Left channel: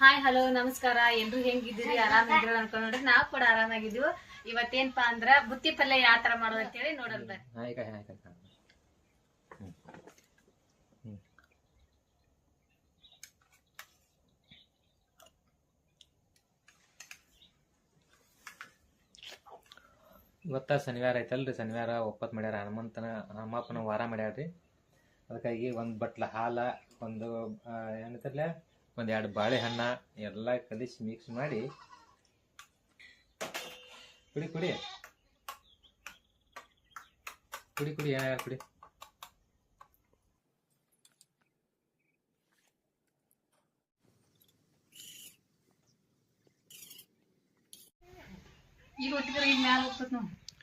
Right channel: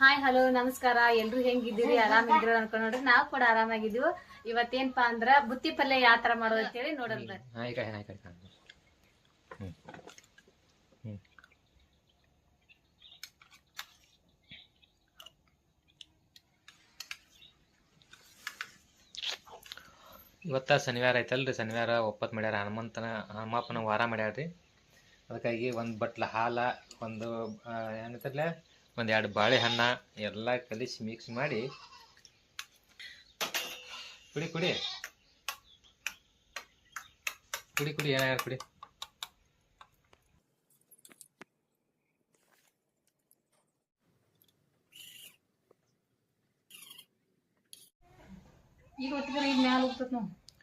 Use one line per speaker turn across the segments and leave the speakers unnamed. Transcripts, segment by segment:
Hi hello ನಮಸ್ಕಾರ. ಎಲ್ರು ಹೆಂಗಿದ್ದೀರಿ? ಆರಾಮಿದ್ರು ಅನ್ಕೊಂಡ್ ನೋಡ್ರಿ. ನಾವ್ ಕೂಡ ಆರಾಮಾಗಿದ್ದೀವಿ ಇವತ್ತೇನ್ಪಾ ಅಂದ್ರ ಬುತ್ತಿ ಪಲ್ಯ ಯಾವ ತರ ಮಾಡೋದು ಅಂತ ಹೇಳಿ ನೋಡೋಣ
ಇವತ್ತ ಶನಿವಾರ ಐತಲ್ರಿ. ಶನಿವಾರ ಒಪ್ಪತ್ತು ಮಾಡ್ಯಾರ ಹನುಮಂತನ ಹನುಮಪ್ಪನ ವಾರ ಮಾಡ್ಯಾರ ರೀ ಅದಕ್ಕಾಗಿ ಒಂದು ಬಟ್ಲ ಹಾಲ ಒಂದು ಏನಂತಾರಲ್ಲ ಒಂದು ಎರಡು ಬಾಳೆಹಣ್ಣ ಎಲ್ಲ ಕಲಿಸಿ ಮಿಕ್ಸ್ ಮಾಡಿ. ಕುಡಿ ಕುಡಿ. ಕುಡಿ ಕುಡಿ ಏನಾಗ ಕುಡಿ.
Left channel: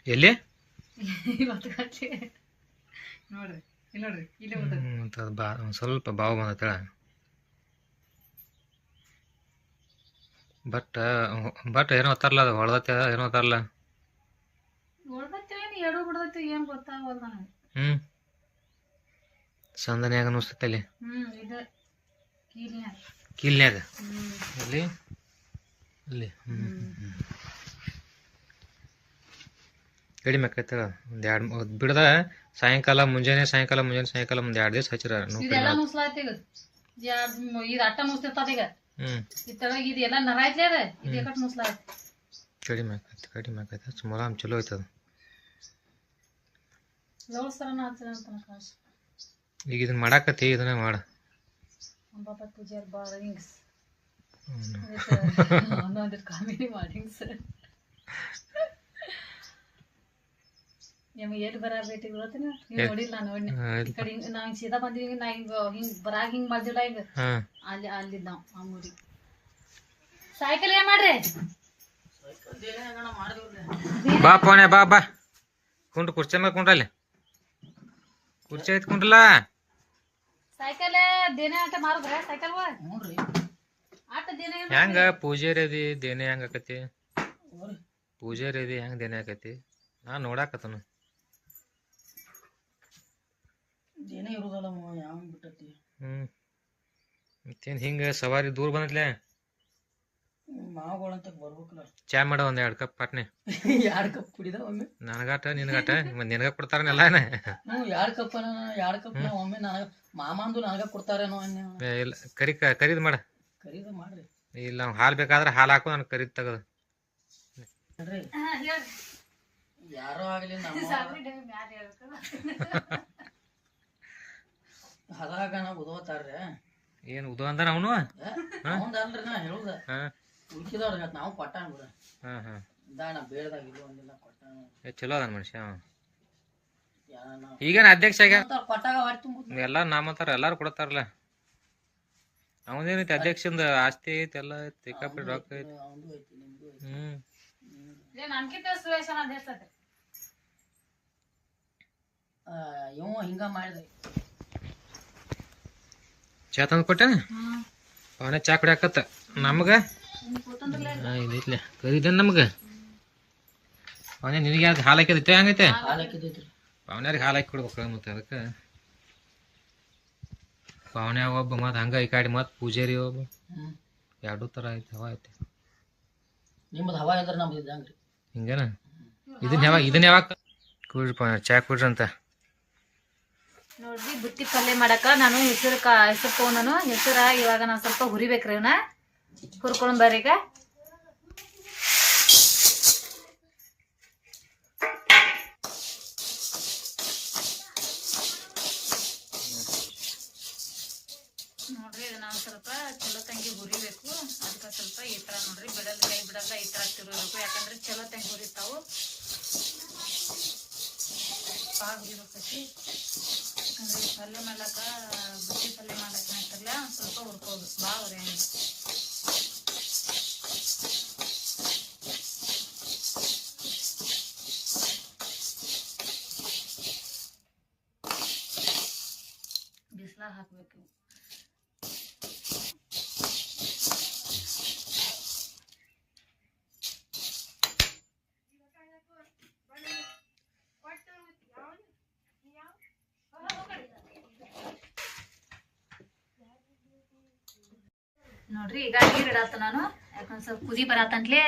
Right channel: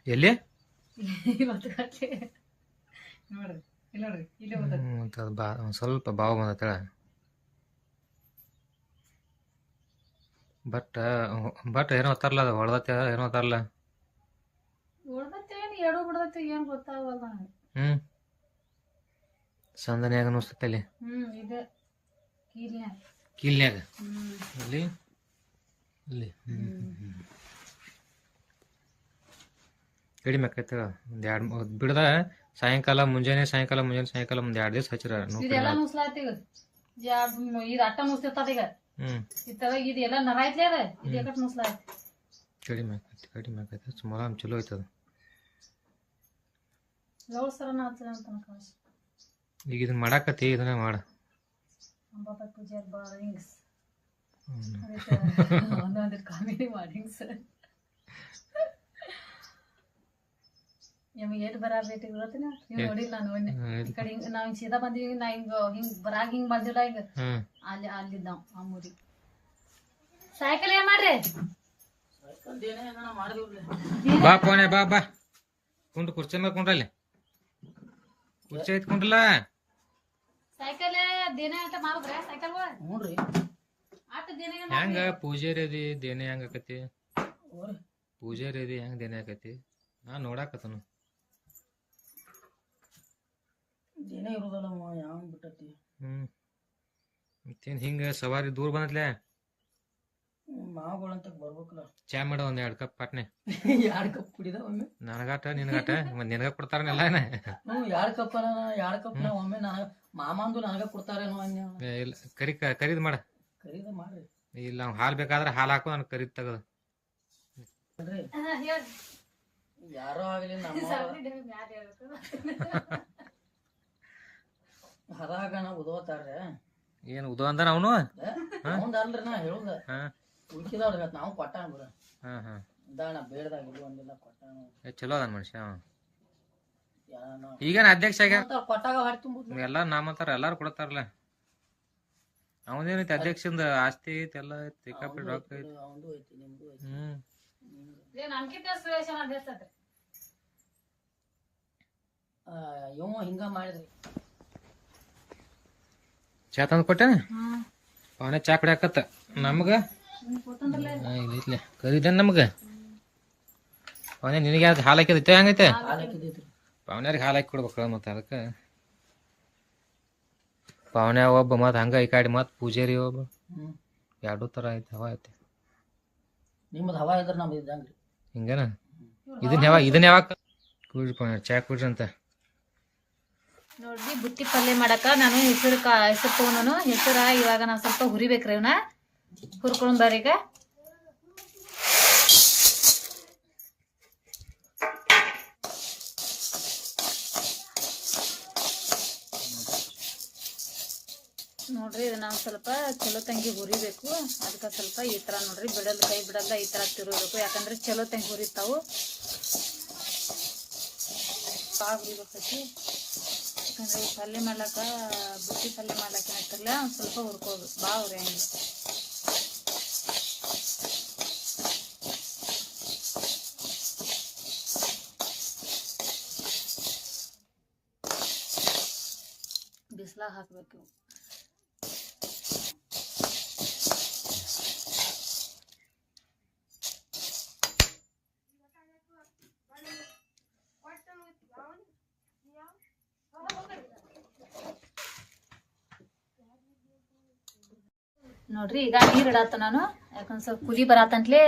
ಎಲ್ಲಿ?
ನೋಡ್ರಿ ಇಲ್ಲಿ ನೋಡ್ರಿ ಇಲ್ಲ
ಸ್ವಲ್ಪ ಬಾವು ಬಂದತ್ತಳ ಬಟ್ ಬಟ್ ಏನೋ ತರಲ್ಲ ಅದು? ಹೊಳ್ದತ್ತೆ ಏನೋ
ತರಲ್ಲ ಎಡು ಬಿಡ್ದತ್ತೆ ಏನ್ ಗೊತ್ತಾಗಲ್ಲ ನನಗೆ.
ಹ್ಞೂ ಸಂದನ್ಯಾಗ ಅನಿಸ್ತೈತೆ ಅಲ್ಲಿ?
ಹ್ಮ್ ಇದು. ಕೀಲ್ನ್ಯಾಗ. ಹ್ಮ್.
ಹ್ಞೂ
ಹ್ಮ್.
ಕಡಿಮೆ ಆಕೈತೆ ಒಂದು ಎರಡು ಬಿಡದ ಸಾಯಂಕಾಲ ಮುಂಜಾನೆ ಸಾಯಂಕಾಲ ಮುಂಜಾನೆ ಸಾಯಂಕಾಲ ಒಂದು ಎರಡು ದಿವಸ ಹಚ್ಚಿರ
ಇದೆಲ್ಲ ಮುಸ್ಲಾಯ್ತು ಈಗ. ಯಾಡ್ ಇದು ಅಟ್ಟ ಮುಸ್ತಿರ್ತಾರ ಈಗ.
ಹ್ಞೂ
ಇತ್ತಾಗ ಇದು ಎಲ್ಲ ನರ ಐತ್ಲೇ ಅದ? ಇದು ಯಾಕಟ್ ಮುಸ್ಲಾಯ್ತು
ಕಡಿಮೆ ಆಕೈತೆ ಕಡಿಮೆ ಆಕೈತೆ. ಸುಮಾರು ಚಲೋ ಐತದ.
ಲವಳ್ಸರನ ಹಚ್ಚನ ಅಂತ ಕಾಶ್
ಈಗ ಇದನ್ನ ಮಾಡಾಕತ್ತಿ ಇದನ್ನ ಮಾಡ.
ಅಂಬಾಪ ಪೂಜಾರ್ ಒಂದೊಂದು ಕಾಮಿಡಿ ಹಿಂಗ್ಸ್. ನಿಮಗೆ ಎಲ್ಲಿ ಬರ ಭೇಟಿ ಬರತ್ತೀನಿ? ನೀವು ನೋಡಿಲ್ಲ ನಾನು ನೋಡಿ ಈ ಕಡೆ ಹಿಂಗ ನಾವ್ ಹಿಂಗ್ ಸೀದಾ ಬಂದಿವಿ ನಾ ಹಿಂಗ ಹಿಂಗ್ ಬರಾಗ ಹಿಂಗ್ ಮಾಡ್ದಿಲ್ಲ ಈಗ.
ಹಾಂ.
ಅಲ್ಲಿ ಅಲ್ಲಿದ್ದ ನಾವು ಆ ಮೂರಿ ಸೈಕಲ್ ಏನ್ ಮಾಡ್ರಿ?
ಬಾ ಪೋಣೆ ಬಾ ಬಾ. ಕುಂಡ ಕುರ್ಚಿ ಮೇಲೆ ಕುಂಡ್ರಲ್ಲಿ. ಕುರ್ಚಿ ಐತ್ ಕುಂಡ್ರಲ್ಲ?
ಸೈಕಲ್ ದಿನ ಆಟ ಮಾರಿದ್ರ? ಸೈಕಲ್ ಆಟ ದಿನ ಏನ್
ಹೆಂಗ? ಪೂಜಾರಿ ಅದಿ ದೇನೆ ಹೆಂಗ ಆಕತಿ? ಪೂಜಾರಿ ಅದಿ ಹೆಂಗ ದೇನೆ ಆಕತಿ? ನಾ ನೋಡಾಕತ್ತನು
ಏನೇ ಇರೋದಲ್ಲ ಯಾವ ಬಿಟ್ಟತಿ
ಹ್ಮ್. ಮತ್ತೇನ್ ಹಿಂಗ ಸವಾರಿ ದೂರ ಬಂದತ್ಲೆ
ಮಾವುಗಳಂತ ಬರ್ಬೇಕಲ್ಲ.
ಚಾ ಮಾಡ ಒಂದ್ ಎರಡ್ ಕಪ್ ಪಾಟ್ನೆ.
ಎರಡು ಕಪ್ ಕುಡಿದ ಒಮ್ಮೆ?
ನನಗಾಟ ನಿನಗಾಟ? ಮತ್ ನಿನಗ ಕೊಡ್ತಾರನೆಲ್ಲ ಏನ?
ಹ್ಞೂ ಎರಡು ಕಪ್ ಎರಡು ಕಪ್ ಒಮ್ಮೆ ನನಗ ಮಾಮಾಂದು ನನಗ ಕೊಡ್ತಾರೇನೋ ಅನ್ಯ.
ಇಲ್ಲ ಕರಿ ಕರಿದ್ ಮಾಡ.
ಖರೀದ ಮಾಡ್ರಿ.
ಇಲ್ಲ ಅವ್ನ್ ಹಾಲ್ ಬೇಕಾದ್ರೆ ಹಾಲ್ ಹಾಕು ನನ್ ಕರಿದ್ ತಗದ.
ಯಾರೋ ಆಗ್ಲಿ ನಮ್ಮ
ಹೇಳ್ಬೇಕು.
ನಾವು ಓದೋತಾರ್ರೆ
ಏನ್ ಉದೋ ಅಂದಾನ ಅವನು?
ಅವಂದಲ್ರಿ ನಾ ಹೇಳುದ.
ಹಾ.
ಉಳ್ಕಿದವ್ರಿಗೆ ನಾವು ಕೊಟ್ಟ ಬಿಡ.
ಹಾ ಹಾ.
ದಾಣ ಬೇಡದಾಗ ಇದು ಒಂದಿಲ್ಲ ಕೊಟ್ಟ
ಚಲೋ ಅದಾನ ಮನುಷ್ಯ ಅವ. ಅಧ್ಯಕ್ಷ ಆಗ್ಯಾರ ಎಲ್ಲ ನಾಮತಾರ ಎಲ್ಲಾರು ಕೊಡತಾರಲ್ಲ. ಅವನೇನೈತಿ ಅಧ್ಯಕ್ಷಂದ ಆಸ್ತಿ ಐತಿ ಎಲ್ಲ ಐತಿ ಸಿಕ್ಕಾಪಟ್ಟೆ ರೊಕ್ಕ ಐತಿ.
ಅವಂದು
ಹ್ಮ್.
ಇವ ಹಿಂಗ ಮಾಡಿದ್ರಿ.
ಚಾ ತಂದು ಕೊಟ್ಟೆನ
ಹ್ಮ್.
ಪಾವನೆ ಚಾ ಕುಡಿಯಾಕತ್ತ. ನಮ್ಗ? ಇದೈತ್ಲೆ ಕರಿದೇನ್ ನಮ್ಗ? ಪಾವನೆ ನಿನಗೆ ಯಾವ್ದು ಹಾಲು ಹಾಕಿದೈತೆ ಹಂಗೈತೆ ಪಾವನ್ಯಾರಿಗೆ ಹಾಲು ಹಾಕಿ ಕೊಡ್ಬೇಕು ಮತ್ತೆ ಅದಕ್ಕೆ? ಪಾವನ್ಯ ಒಬ್ಬ ಮತ್ತೆ ಹಂಗ ಈ ಕಾಡಿ ಮತ್ತೆ ಪೂಜಾರಿ ಒಬ್ಬ.
ಹ್ಮ್.
ಎರಡೂ ತರ ಐತಿ ಹವಾ ಐತಿ.
ನಿಮ್ಮದು ಹವಾ ಇದ್ರೆ ನಮ್ದು
ಹಿಂಗೇನ? ಇದನ್ನ ಯಾವಾಗ ಇದನ್ನ ಯಾವಾಗ ಕುಡ್ರಿ ಪಾವನ್ಯಾರ ಚಾ ಕುಡ್ರಿ ಅಂತ.
ನೋಡ್ರಿ, ಬುತ್ತಿ ಪಲ್ಯ ಮಾಡಕ ನಾನು ಹೆಸರು ಕಾ, ಹೆಸರು ತಗೊಂಡನು ಹೆಸರ ಇವಾಗ ನಾನು ಸ್ವಲ್ಪ ಹುರಿಬೇಕ್ರಿ ಇವನ್ನ ಹುರ್ಕೊಂಡು ಬರ್ರಿ ಈಗ. ನೋಡ್ರಿ ಒಂದ್ ಸ್ವಲ್ಪ ಚಲೋ ತಂಗಿ ಹುರಿಬೇಕು. ಅದಕ್ಕೆ ಸ್ವಲ್ಪ ಈ ಥರ ನೋಡ್ರಿ ಬಿಡಲ್ ಕೈ ಬಿಡಲ್ಲ, ಈ ಥರ ತಿರುಗಬೇಕು. ಯಾಕಂದ್ರೆ ಚಲೋ ತಂಗಿ ಹುರಿತಾವು. ಪಾಕ್ ಬೀಳತೈತಿ ಯಾಕಂದ್ರೆ ಪಲ್ಯ ಮಾಡ್ಲಕ್ಕ ಬುತ್ತಿ ಪಲ್ಯ ಮಾಡ್ಲಕ್ಕ ಆಗ್ತಿಲ್ಲ ಒಂದು ಸ್ವಲ್ಪ ಹುರ್ಕೋಬೇಕು. ಭಾಳ ರೇಂಜ್ ಬಿಸಿಲಾಗ ಹಾಕ್ಬೇಕು. ನೋಡ್ರಿ ಈಗ ನೀರು ಇಡತ್ತ ನಾನು. ಯಾಕಂದ್ರೆ ಸ್ವಲ್ಪ ಕುದಿ ಬರತ್ತಂತಲೇ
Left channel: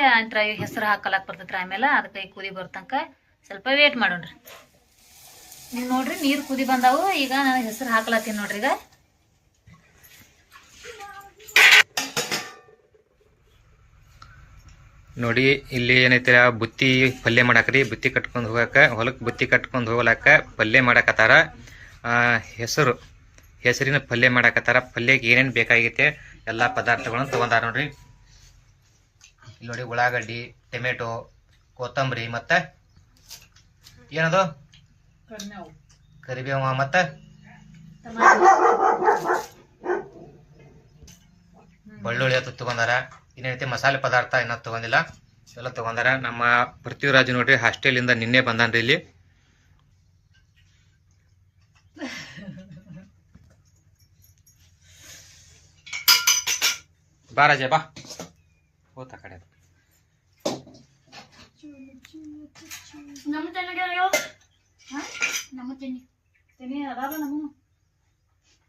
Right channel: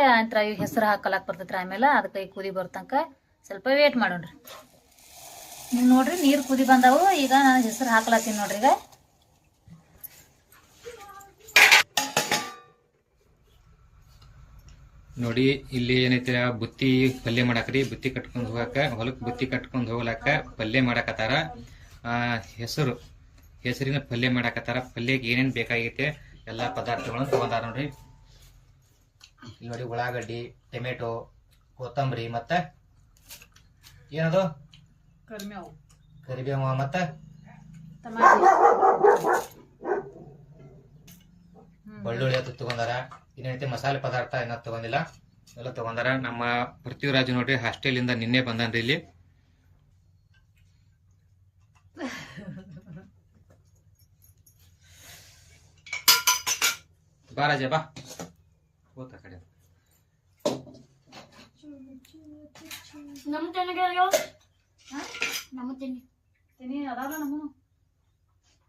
ಈಗ ಹೆಸರು ಹಾಕಲಾಕ್ ಬರ್ತೈತ್ರಿ ಆಮೇಲೆ ಅದಕ್ಕೆ ಈಗ ಕುದಿ ಬರ್ತಂಕ ಸ್ವಲ್ಪ ವೇಟ್ ಮಾಡೋಣ್ರಿ. ನೀವು ನೋಡ್ರಿ ನೀರು ಕುದಿ ಬಂದವು. ಈಗ ನಾನು ಹೆಸರು ಹಾಕ್ಲತ್ತೀನಿ ನೋಡ್ರಿ ಈಗ.
ನೋಡಿ ಇಲ್ಲಿ ಏನೈತಿ ಬುತ್ತಿ ಪಲ್ಯ ಮಾಡಾಕ್ರಿ. ಬುತ್ತಿ ಕಟ್ಕೊಂಡು ಹೋಗಾಕ ಹೊಲಕ್ಕೆ ಬುತ್ತಿ ಕಟ್ಕೊಂಡು ಹೋಗ್ಲಾಕ ಪಲ್ಯ ಮಾಡಾಕತ್ತಾರ. ಆ, ಹೆಸರು ಹೆಸರಿನ ಪಲ್ಯ ಮಾಡಾಕತ್ತಾರ. ಪಲ್ಯಕ್ಕೆ ಏನೇನು ಬೇಕಾಗೈತೆ ಎಲ್ಲ ಪದಾರ್ಥಗಳನ್ನು ತಗೊಂಡಾರ ನೋಡ್ರಿ. ಇಲ್ಲಿ ನೋಡಿ ಉಳ್ಳಾಗಡ್ಡಿ ಟೊಮೆಟೊ ಕೊತ್ತಂಬರಿ ಮತ್ತೆ ಏನದು? ಕರಿಬೇವು. ಮತ್ತೆ? ಬೆಳ್ಳುಳ್ಳಿ ಅದು ತಗೊಂಡಾರ. ಇನ್ನೇನೈತಿ ಮಸಾಲೆ ಪದಾರ್ಥ ಏನಾದ್ರು ತಗೊಂಡಿಲ್ಲ. ಎಲ್ಲ ತಗೊಂಡಾರ. ನಮ್ಮ ಪೃಥ್ವಿರಾಜ್ ನೋಡ್ರಿ ಹಾಸ್ಟೆಲಿಂದ ನಿನ್ನೆ ಬಂದಾನ್ರಿ ಇಲ್ಲಿ. ಬಾ ರಾಜ ಬಾ. ಹೋತ ಕಡೆ
ನಮ್ಮ ತೆನಿಗೆ ನಮ್ಮ ತೆನಿ ತೆನಿ ಅದಾವ ನಮ್ಮ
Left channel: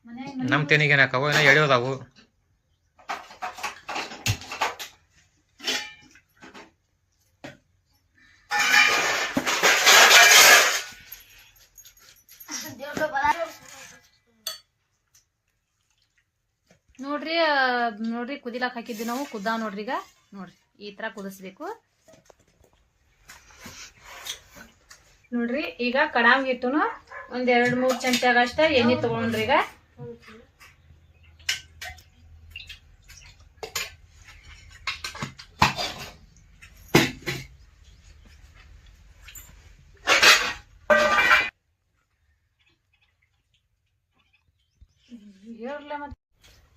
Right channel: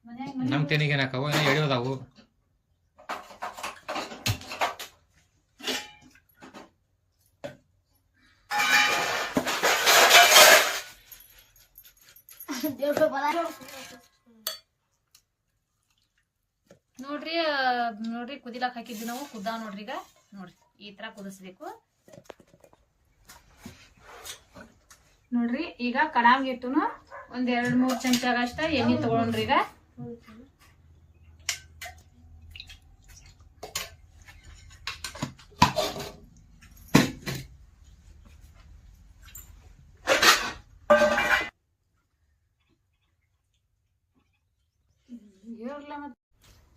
ಮನೆ
ನಮ್ಮ ತೆನಿಗೆ ನಾಕವ ಏನೋ ಎಳೆಯೋದಾವು.
ನೋಡ್ರಿ ನೋಡ್ರಿ, ಕುದಿಲಾಕ್ ಹಾಕಿದ್ವಿ ನಾವು. ಕುದ್ದ ನೋಡ್ರಿ ಈಗ. ನೋಡ್ರಿ, ಈ ತರ ಕುದಿಸ್ಬೇಕು. ನೋಡ್ರಿ, ಈಗ ಕಡಾಂಗ್ ಇತ್ತು ಒಂದ್ ಎರಡ್ ಮೂರ್ ಚಮಚಾಗಷ್ಟ ಎಣ್ಣೆ ತಗೊಂಡ್ರಿ ಈಗ.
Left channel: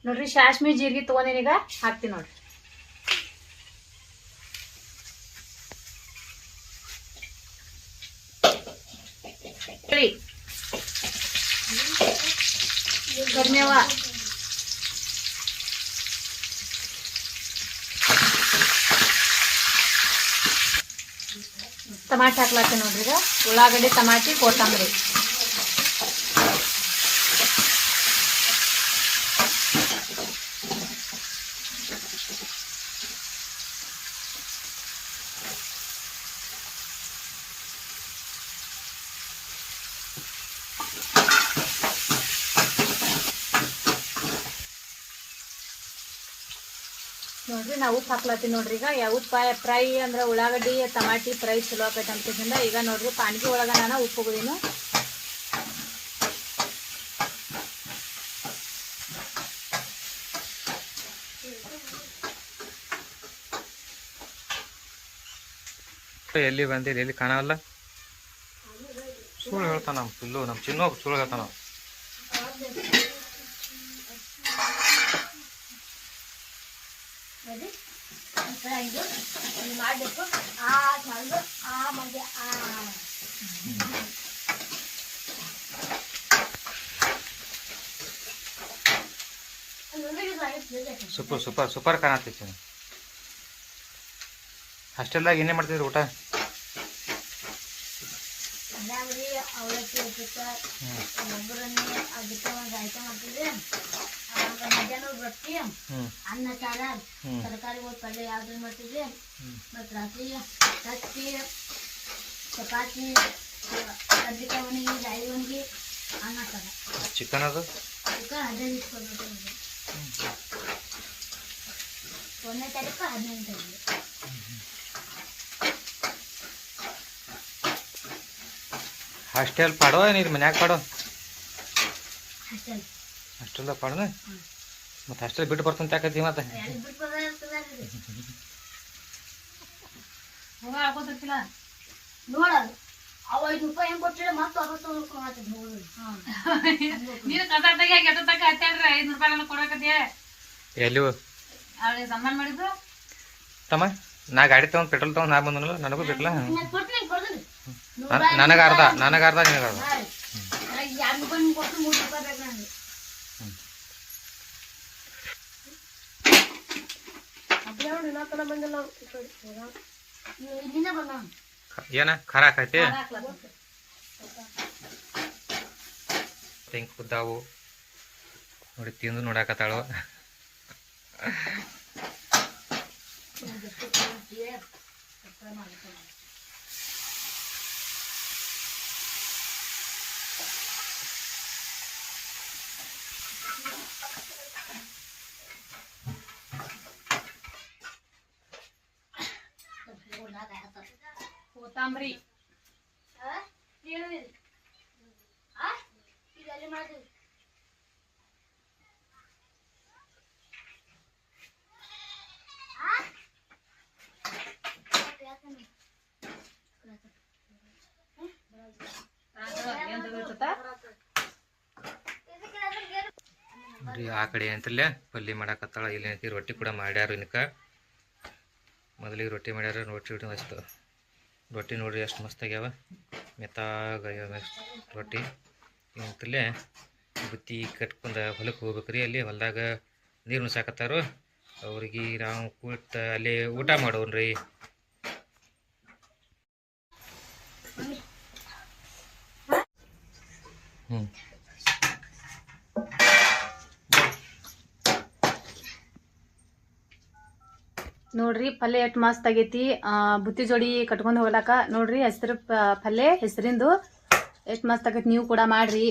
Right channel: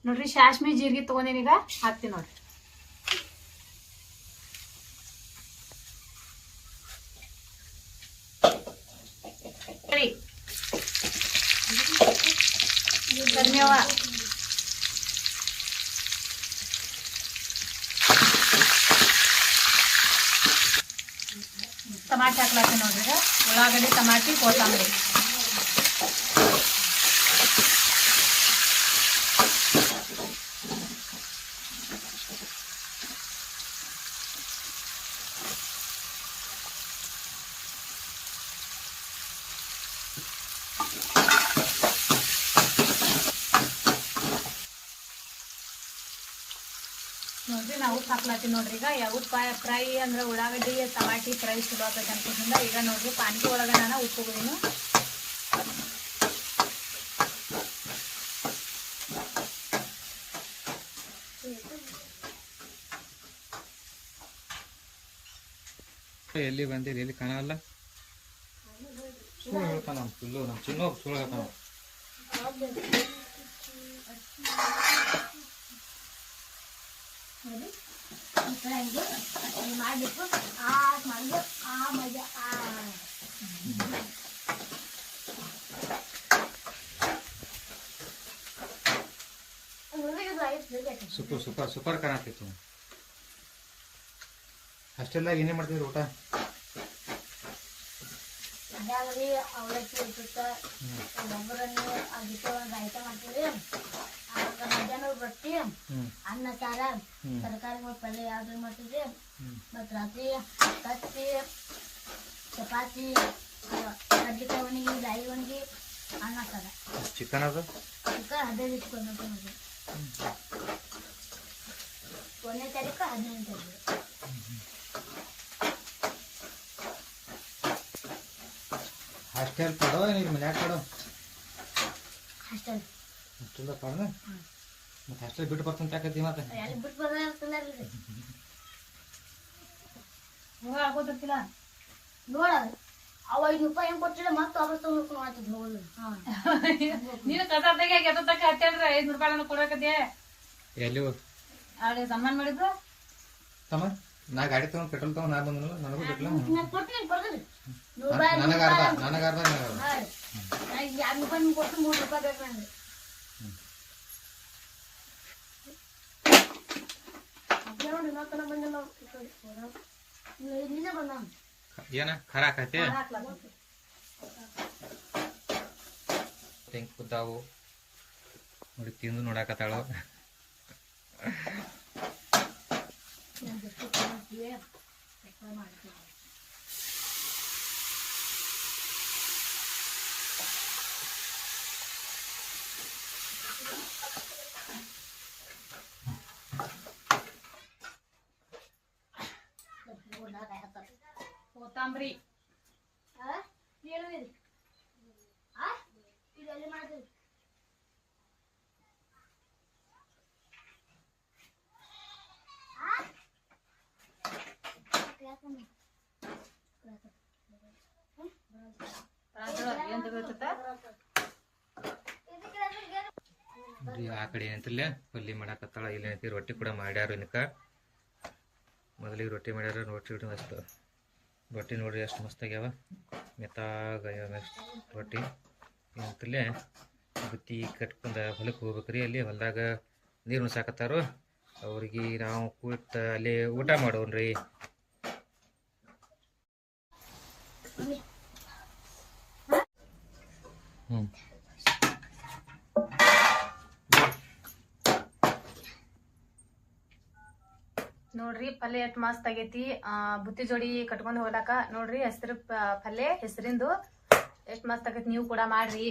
ನೋಡ್ರಿ ಸಾಸ್ಮಿ ಜೀರಿಗೆ ತಗೊಂಡೇನಿ ಈಗ. ಹಾಕ್ತೀನಿ ನೋಡ್ರಿ. ಸರಿ. ಕರಿಮೇವ ಟಮಾಟಿ ಹಾಕ್ಲತ್ತೀನಿ ನೋಡ್ರಿ ಈಗ. ಉಳ್ಳಾಗಡ್ಡಿ, ಟಮಾಟಿ, ಕೊತ್ತಂಬರಿ. ನೋಡ್ರಿ ನಾವು ಉಪ್ಪು ಹಾಕ್ಲತ್ತೀವಿ ನೋಡ್ರಿ. ಈಗ ಯಾವ ಉಪ್ಪ ಫ್ರೈ ಅಂದ್ರೆ ಉಳ್ಳಾಗಡ್ಡಿ ಟಮಾಟಿ ಫ್ರೈ ಚಲೋ ಆಕೈತೆ ಅಂತಂದ್ರೆ ಈಗ ನೋಡ್ರಿ ಪಾನಿಗೆ ಒಳಗ ನಾನು ಉಪ್ಪು ಹೋಗುದೀನಿ
ಎಲ್ಲಿ ಬಂದಿಲ್ಲ ಎಲ್ಲಿ ಕಾಣಲ್ಲ ಸುಳ್ಳು ಹೇಳ್ತಾನ ನಮ್ಮ ಪಿಲ್ಲು ನಮ್ಮ ಚಿನ್ನು ಸುಳ್ಳು ಹೇಳ್ತಾನ ಸೂಪರ್ ಸೂಪರ್ ಸೂಪರ್ ಕಾಣತ್ತೈತಿ ಹಾಸ್ಟೆಲ್ದಾಗ ಏನೇ ಮಾಡ್ತಿದ್ರು ಊಟ?
ಅವಲಕ್ಕಿ ಉಪ್ಪಿಟ್ಟ ಒಗ್ಗರಣೆ ಅದಕ್ಕೆ ಒಂದು ಐಟಮ್ ಆವಾಗ ಮಧ್ಯಾಹ್ನ ರೊಟ್ಟಿ ಅನ್ನ ಸಾರ ತರಕಾರಿ ಪಲ್ಯ ಯಾವ್ದು ಮಾಡ್ತಿದ್ರಿ
ಹ್ಮ್.
ಮತ್ತು ರಾತ್ರಿ ತತ್ತಿ ಚಪಾತಿ ಕಡ್ಲಿಕಾಯಿ ಒಣಗಿ ಜಾಯಿ ಒಣಗಿ ಅನ್ನ ಸಾರ
ಚಿಕನ್ ಅದು?
ಚಿಕನ್ ಹದಿನೈದು ಇಟ್ಕೊಂಡು ಒಂದನೇ ತಾರೀಕು ಹದಿನೈದು ತಾರೀಕು.
ಹಾಸ್ಟೆಲ್ ಪಾಡೋ ಏನು ಇದು ಮನ್ಯಾಗ ಪಾಡೋ?
ಹಾಸ್ಟೆಲ್
ಹಾಸ್ಟೆಲ್ದಾಗ ಪಾಡೋಣ ಮತ್ತೆ ಅಷ್ಟೇ ಬಿಟ್ಟು ಬರ್ತಂತ ಯಾಕತ್ತಿ ಮತ್ತೆ?
ನೋಡ ಅವ ಐದು ರೂಪಾಯಿ ಹೆಂಗ್ ಕೊಟ್ಟಿಲ್ಲ ಮತ್ತೆ ವಾಪಸ್ ತಗೊಂಡು ಮಾಡ್ತಿದ್ ನೋಡು
ನೀನು ತಕ್ಕ ಹತ್ತಾಡ್ರಿ ರೂಪಾಯಿ ನನಗೆ ಕೊಡಕತ್ತೆ
ಎಲ್ಲಿ
ಅವಳಿಗೆ ಸನ್ಮಾನ ಮಾಡಿದ್ದು?
ತಮ್ಮ ನಾ ಗಾಡಿ ತಗೊಂಡ್ ಪೆಟ್ರೋಲ್ ತಗೊಂಡ್ ನಾ ಬಂದನಲ್ಲ ನನಗೂ ಬೇಕಲ್ಲ ನನಗ ಅರ್ಧ ನನಗ ಅರ್ಧ ನಿನಗ ಅರ್ಧ
ನನಗೆ ಎರಡು ರೂಪಾಯಿ ಕೊಟ್ಟು ಮೂರು ರೂಪಾಯಿ ಬೇಕು ನನಗೆ ನೀವು ಇಲ್ಲಿಂದ ಬಂದ
ಏನ? ಖಾರ
ಹಾಕ್ಲತ್ತೀನಿ.
ತೆಂಗ್ ಕುದ್ದಾವು. ನೋಡಿ ತಿಂದು ನೋಡಾಕತ್ತಾಳು
ಕೊತ್ತಂಬರಿ
ಇದೆಲ್ಲ ಮಾಡ್ತೀವಿ
ಏನ್ ತೆಗೆದಿರ್ತತ?
ನೋಡ್ರಿ ಆ ಕಡೆ ಏನಂತಿಲ್ಲ ಪಲ್ಯ ಮಾಡಾಕತ್ತಾಳ, ಇಲ್ಲಿ ಏನೈತಿ, ರೊಟ್ಟಿ ಕೂಡ ಮಾಡ್ಯಾರ ಇನ್ಕ. ಮೊದಲಿಗೆ ರೊಟ್ಟಿ ಮಾಡ್ಯಾರ, ರೊಟ್ಟಿ ರೊಟ್ಟಿ ಅಷ್ಟು. ರೊಟ್ಟಿ ನೋಡ್ರಿ ಎಷ್ಟು ಮಸ್ತ್ ಆಗ್ಯಾವ. ಮೆತ್ತಾಗ ರೊಟ್ಟಿ. ಏನಂತಲ್ಲೇ ಬುತ್ತಿ ಕಟ್ಕೊಂಡು ಹೊಲಕ್ಕೆ ಹೋಗ್ಬೇಕ್ರಿ, ಅಲ್ಲಿ ಹೊಲದಾಗ ನೀರು ಉಣ್ಸಾಕತ್ತಾರು. ಅವ್ರಿಗೆ ನಾವು ಕೂತ ಅಲ್ಲಿ ಊಟ ಮಾಡೋನ್ರಿ ಹ್ಞೂ
ನೋಡ್ರಿ ಪಲ್ಯ ಎಷ್ಟು ಮಸ್ತ್ ಆಗೈತಿ. ಬುತ್ತಿ ಜೋಡಿ ಕಟ್ಕೊಂಡು ಹೋಗ್ಲಾಕ. ನೋಡ್ರಿ ಹೆಸರು ಪಲ್ಯ ಹೆಸರಿಂದು. ಎಷ್ಟು ಮಸ್ತ್ ಆಗೈತಿ ನೀವು ಕೂಡ ಮಾಡ್ರಿ.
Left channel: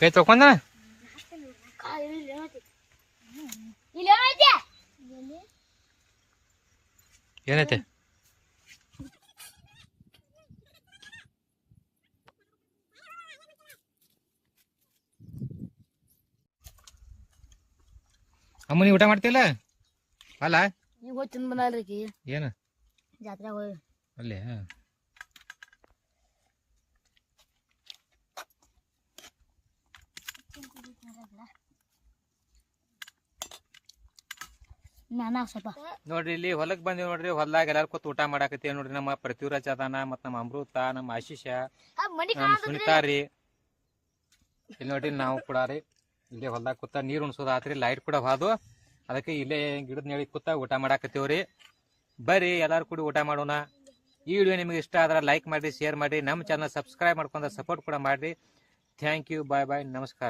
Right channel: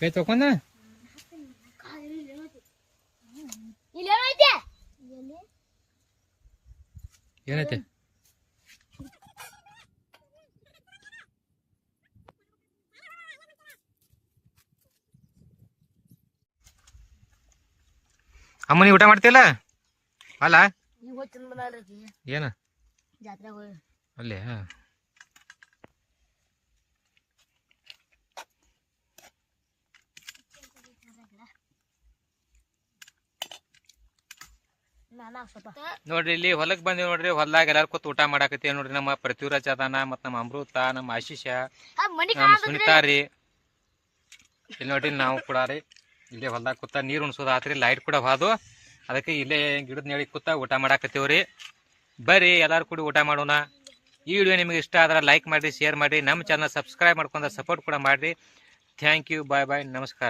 ಕೈ ತಕೊಂಡ
ಏನೈತೆ
ಏನೈತೆ? ಅಮ್ಮ ನೀ ಊಟ ಮಾಡ್ತಿಲ್ಲ ಅಲ್ಲ? ಏನ?
ಜಾತ್ರೆಗೆ ಹೋಗಿ.
ಅಲ್ಲೇ ನೋಡ್ರಿ ಇಲ್ಲಿ ಹೊಲಕ್ ಬಂದಿವಿ ನೋಡ್ರಿ ಹೊಲ್ದಾಗ ಎಲ್ಲಾರು ಕೂತ್ ಊಟ ಮಾಡಾಕತ್ತೀವಿ ನೋಡ್ರಿ ನಮ್ಮ ಪೃಥ್ವಿರಾಜ್ ಅದಾನ ಮತ್ ನಮ್ಮ ಅಮೃತ ನಮ್ಮ ಆಶೀಷ
ನಮ್
ನಮ್ಮ ಸುನಿತಾ ರೀ. ಇಲ್ಲಿ ನೋಡ್ರಿ ನಾವು ಕೂಡ ರೀ ಇಲ್ಲೇ ಹೊಲ್ದಾಗ ಕೂತ ನೀರು ಉಣ್ಸೋದು ಆತ್ರಿ ಲೈಟ್ ಕೂಡ ಹೋದು ಅದಕ್ಕೆ ಇಲ್ಲೇ ಗಿಡದ ನೆಳಿ ಕೂತ ಊಟ ಮಾಡಾಕತ್ತೀವ್ರಿ ಬರ್ರಿ ಎಲ್ಲಾರು ಕೂಡಿ ಊಟ ಮಾಡೋಣ. ಈ ವಿಡಿಯೋ ನಿಮಗೆ ಇಷ್ಟ ಆದ್ರೆ ಲೈಕ್ ಮಾಡಿ ಶೇರ್ ಮಾಡಿ ನಮ್ಮ ಚಾನಲ್ ಸಬ್ಸ್ಕ್ರೈಬ್ ಮಾಡ್ಕೊಂಡು ಸಪೋರ್ಟ್ ಕೂಡ ಮಾಡಿರಿ. ಥ್ಯಾಂಕ್ ಯು ಬಾಯ್ ಬಾಯ್ ನಮಸ್ಕಾರ.